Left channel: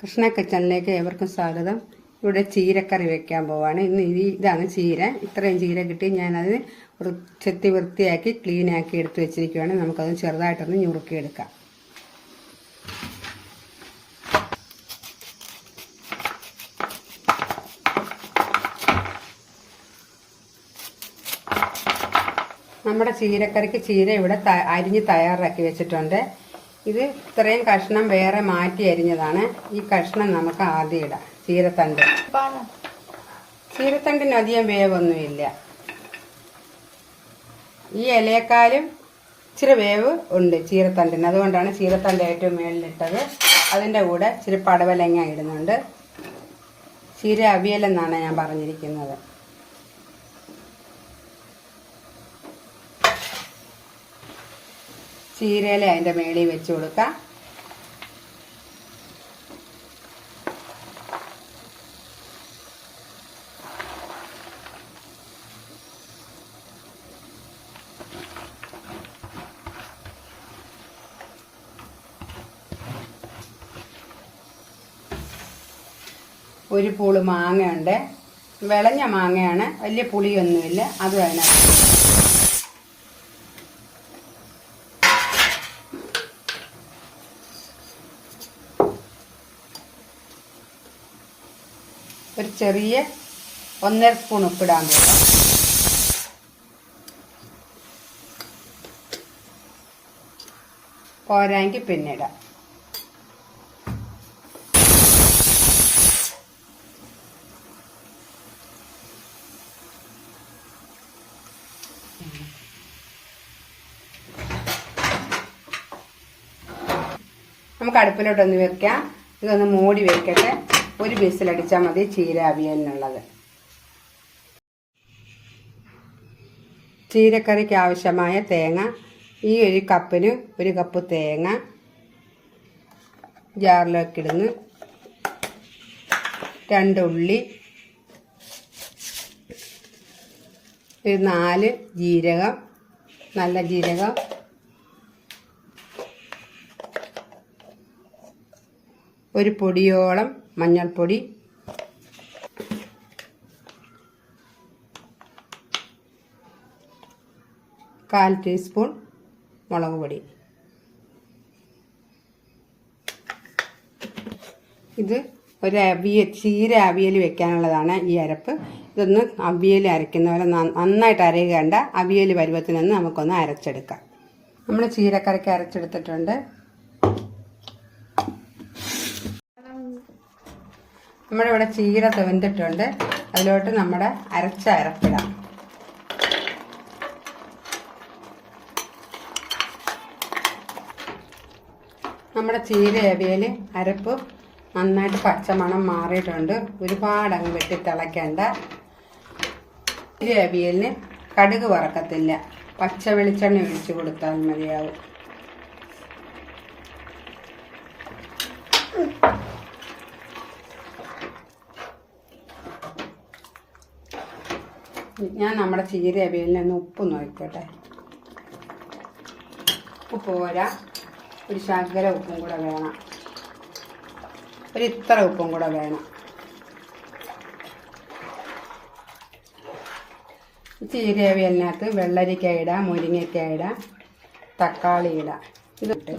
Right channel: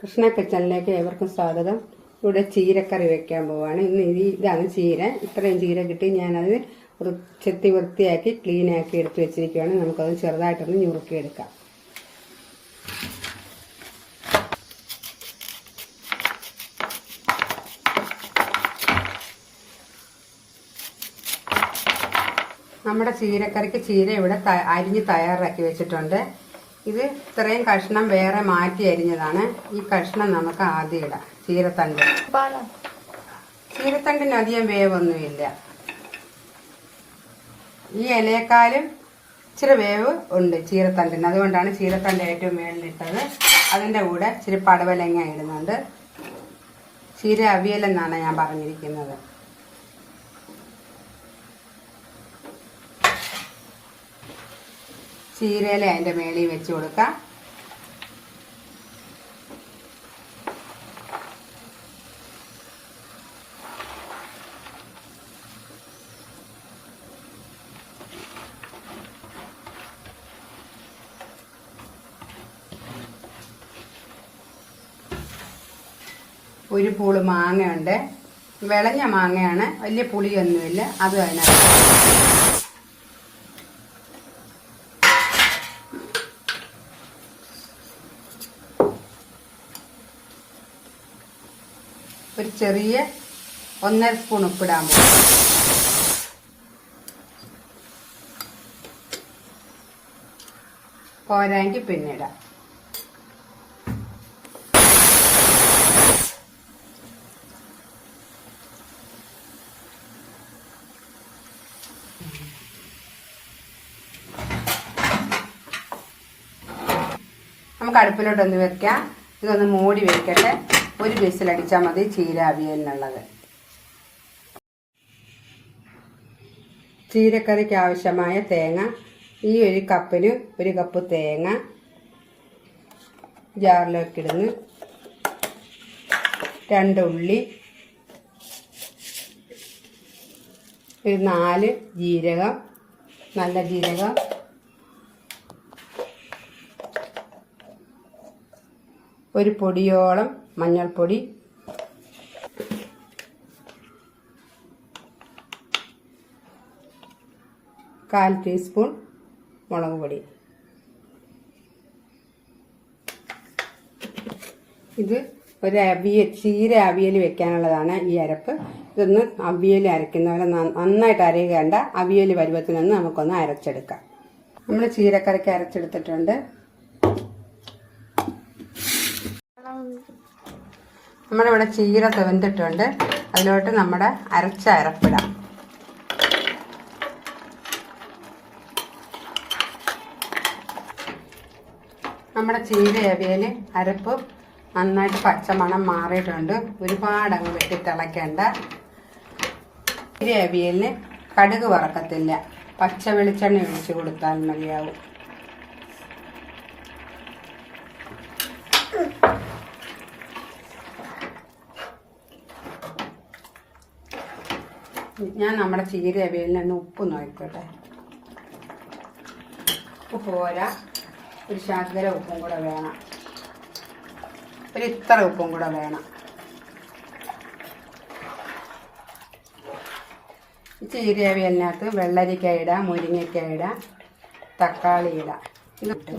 കൃഷ്ണ കിച്ചണിലേക്ക് ഏവർക്കും സ്വാഗതം. ഇവിടെ ചീരക്കറി വെക്കാൻ പോവാണ്. ഇതാണ് ചീര. ഇത്രയും ചീര കിട്ടി ഞാനത് ചെത്തി വൃത്തിയാക്കി ക്ലീനാക്കി എടുത്ത് വെച്ചിരിക്കുകയാണ്. നമുക്കത് ചെറുതായിട്ടൊന്ന് ഞുറുക്കിയെടുക്കാം. നമ്മുടെ ചീരക്കറിക്ക് ചീര ഇവിടെ അരിഞ്ഞ് തയ്യാറാക്കി വെച്ചിട്ടുണ്ട്. ഇത് ഇത്രയും കഷ്ണം വേറെ മാറ്റി അരിഞ്ഞതാണ്. ഈ കഷ്ണം നമുക്ക് ആദ്യം ഇടാം. ചീരത്തണ്ടിന് അധികം വേവൊന്നുമില്ല. ഈ ഇലയേക്കാളും ഇച്ചിരി വേവ് ഉണ്ട് ചീരത്തണ്ടിന്. അതുകൊണ്ടാണ് ചീരത്തണ്ട് ഏറ്റവും മേളിലിട്ടത്. അതിൻ്റെ കൂടെ ഇച്ചിരി പടവലങ്ങ ഇടുന്നുണ്ട്. ചീര അവിയലെന്നാണ് ഞാൻ പറഞ്ഞിരിക്കുന്നത്. ചീരയില അതിൻ്റെ മേളിൽ വെച്ച് കൊടുക്കാം. ഒരു പൂള് മാങ്ങയുണ്ട്. വിളഞ്ഞ മാങ്ങയാണ്, വലിയ പുളിയൊന്നുമില്ല. അതും അതിനകത്ത് ഒരു ചെറിയ 1.5 സ്പൂൺ ഉപ്പിടാൻ പോകും. പോരാങ്കിൽ പിന്നെ ഇടാം. നമുക്ക് അടുപ്പിലോട്ടൊന്ന് വെക്കാം. ഇതൊന്ന് മൂടി വെക്കട്ടെ. ഒരു വിസിലടിച്ചാൽ മതി ചീര അവിയലിനുള്ളത്. ചീരക്കറിക്ക് ആവശ്യമായ തേങ്ങ, ഈ ഒരു കപ്പിന് 1 കപ്പ് തേങ്ങ ജാറിലേക്ക് ഇടുന്നു. 2 ഉള്ളി, 4 ജീരകം, നല്ല ജീരകം, ഒരു പൊടിയോളം മഞ്ഞൾപ്പൊടി, 1/4 ടീസ്പൂൺ മുളക് പൊടി. ഇത് ഒരു ചീര അവിയൽ വെക്കാനുള്ളതാണ് ഈ അരപ്പ്. ഇതൊന്ന് അവിയൽ അരയ്ക്കുന്നവരെ നന്നായിട്ട് അരയുകേണ്ട. അവിയൽ പരുവത്തിനൊന്ന് നമുക്കൊന്ന് അരച്ചെടുക്കാം. നമ്മൾ ചീരക്കറിക്ക് അരച്ചെടുത്തിട്ടുണ്ട്. നമ്മുടെ ഇവിടെ ചീര വെന്തിട്ടുണ്ട്. അതിലോട്ട് നമ്മുടെ അരച്ച അരപ്പിടാം. നമ്മുടെ ചീര അവിയൽ അരപ്പ് നന്നായിട്ട് പച്ചമണം മാറിയിട്ടുണ്ട്. ഒരുപാട് അങ്ങ് വെട്ടി തിളയ്ക്കേണ്ട. ചീര അവിയലിന് കടുക് വറക്കത്തില്ല, പച്ച വെളിച്ചെണ്ണ ഒഴിച്ച് കൊടുത്താൽ മതിയാവും. ഞാൻ നമ്മുടെ ചീര അവിയലിന് ഉപ്പ് നോക്കട്ടെ. ഉപ്പ് പോരാ, ഒരു ശകല ഉപ്പും കൂടെ വേണം. ഇത്ര ഉപ്പും കൂടെ വേണം. ചീര അവിയലിനകത്ത് വെള്ളരിക്ക ഇടാം, മുരിങ്ങയ്ക്ക ഇടാം, തക്കാളി ഇടാം. ഇതിട്ട്